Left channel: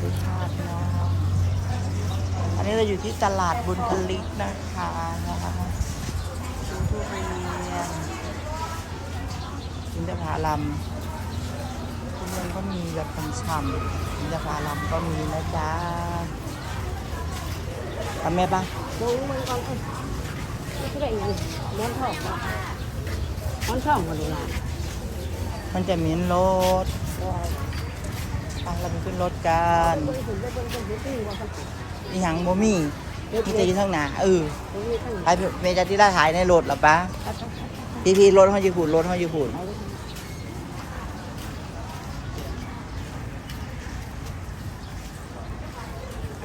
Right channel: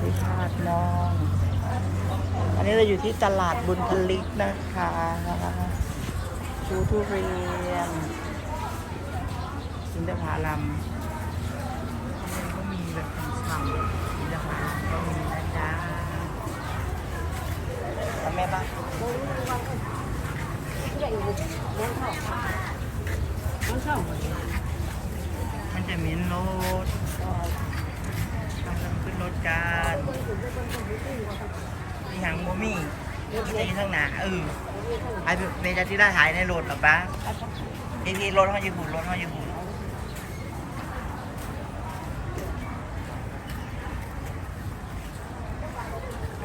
ด้วยชาติน้อง อันนี้เราอยู่ที่ตลาดบุญทลิกนะคะชูทุเรียนอินทผลัมมันก็มีแบบฉ่ำๆอินทผลัมก็มีนะจ๊ะทำไมบ้างเขาชอบหมดเลยอะมันจะมีรถอะ เราไปขึ้นรถกันมีหางโมมี่ที่จะอยู่ข้างหน้าเออไปเมจาที่ได้ถ่ายในรถเหรอปะพี่พี่รถเขาอยู่หุ่นรถเขาอยู่หุ่น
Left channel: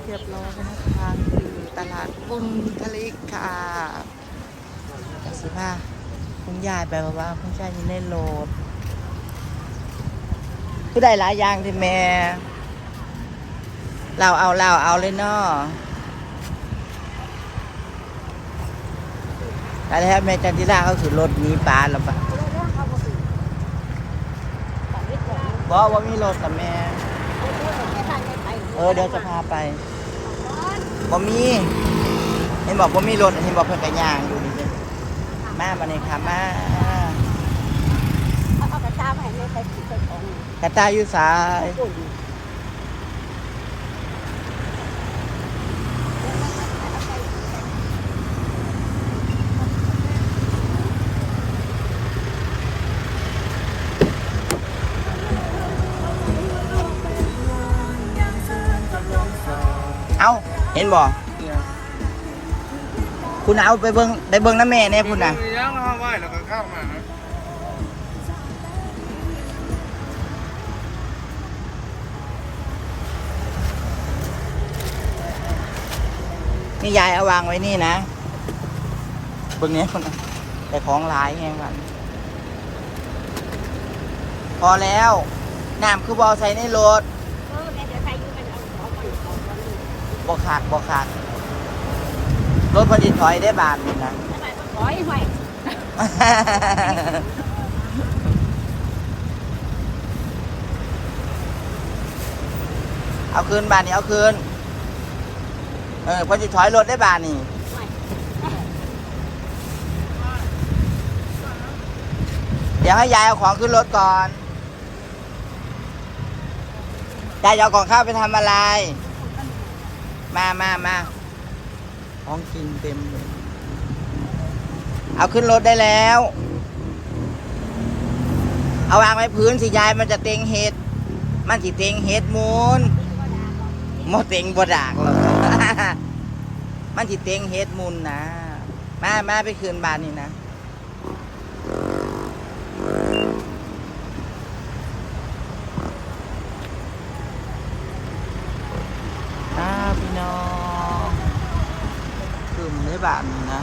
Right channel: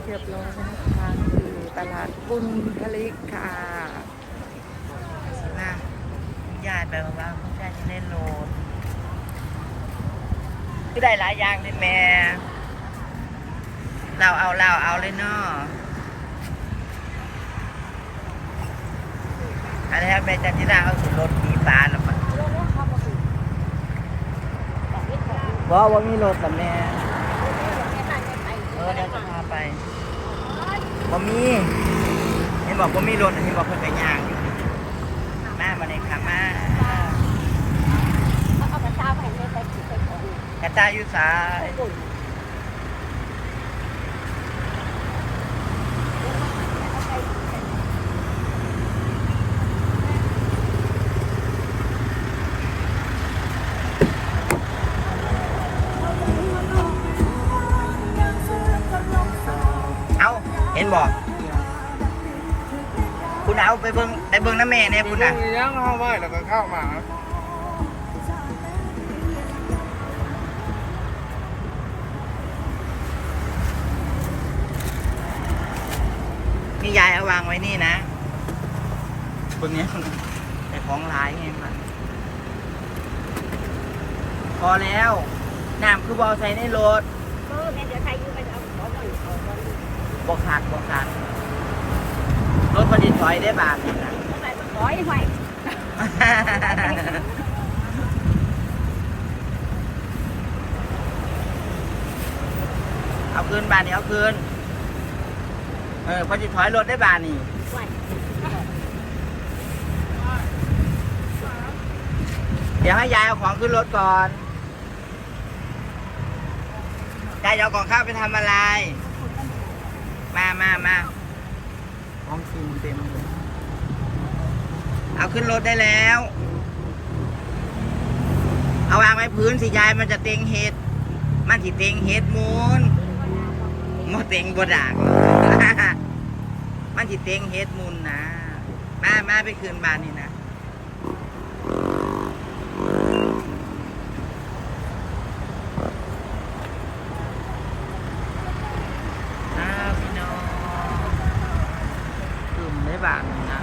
เรียบร้อยนะคะคือตลาดบุญทะเลค่ะสิมาคุณยายไปบอกว่าพี่ชายจะเล่นโล ดคือได้หลายอย่างที่แม่ เราเอาเราเอาเลยเนาะแต่ถ้าแม่จันจิราเขาขี่รถหนี้ปลาแล้วปะบอกว่ามีรถแต่แม่ เออเดี๋ยวจะพาไปบ่มีเห็นบอกว่ามีรถเห็นบอกเพิ่นไปย่างอยู่มามาเลยค่ะมากระ ตายอยู่สายเอาเห็นบ่คุณเอาไปเบิ้งไปเบิ้งน้ำแม่เนี่ยคุณน่ะย่างห้าไหวแล้วก็เข้ามา นี่ยายเอาวางไว้นี่นะเบิ้งเนี้ยคุณน่ะแต่ของหลายไงมันพอแล้วน้ำคือบอใส่ในรถเออแม่เดี๋ยวใครยืมไปเอาของก่อนเอาก่อนบอขาดบอขาดรถพอดีถอยได้บาทนี่นะเอาไปขอให้ไหวเอาคืนบาทนี่เอาคืน เออพอดีถอยรถได้บาทนี่เดี๋ยวให้ยายเอาของขึ้นรถก่อนยายเอาของข้าวไปทำอะไร มามามาของกินเต็มเลย เอาขึ้นรถได้แล้ว เอาวางไว้พื้นสิยายมันจะเต็งเห็ด มันสิเต็งเห็ดมูนโมเต็งบดากหรอ มันจิเต็งเฮ็ดมุนนะมามาไปคืนบ้านนี่นะอ้าวพี่น้องกึ่มได้บานี้นะ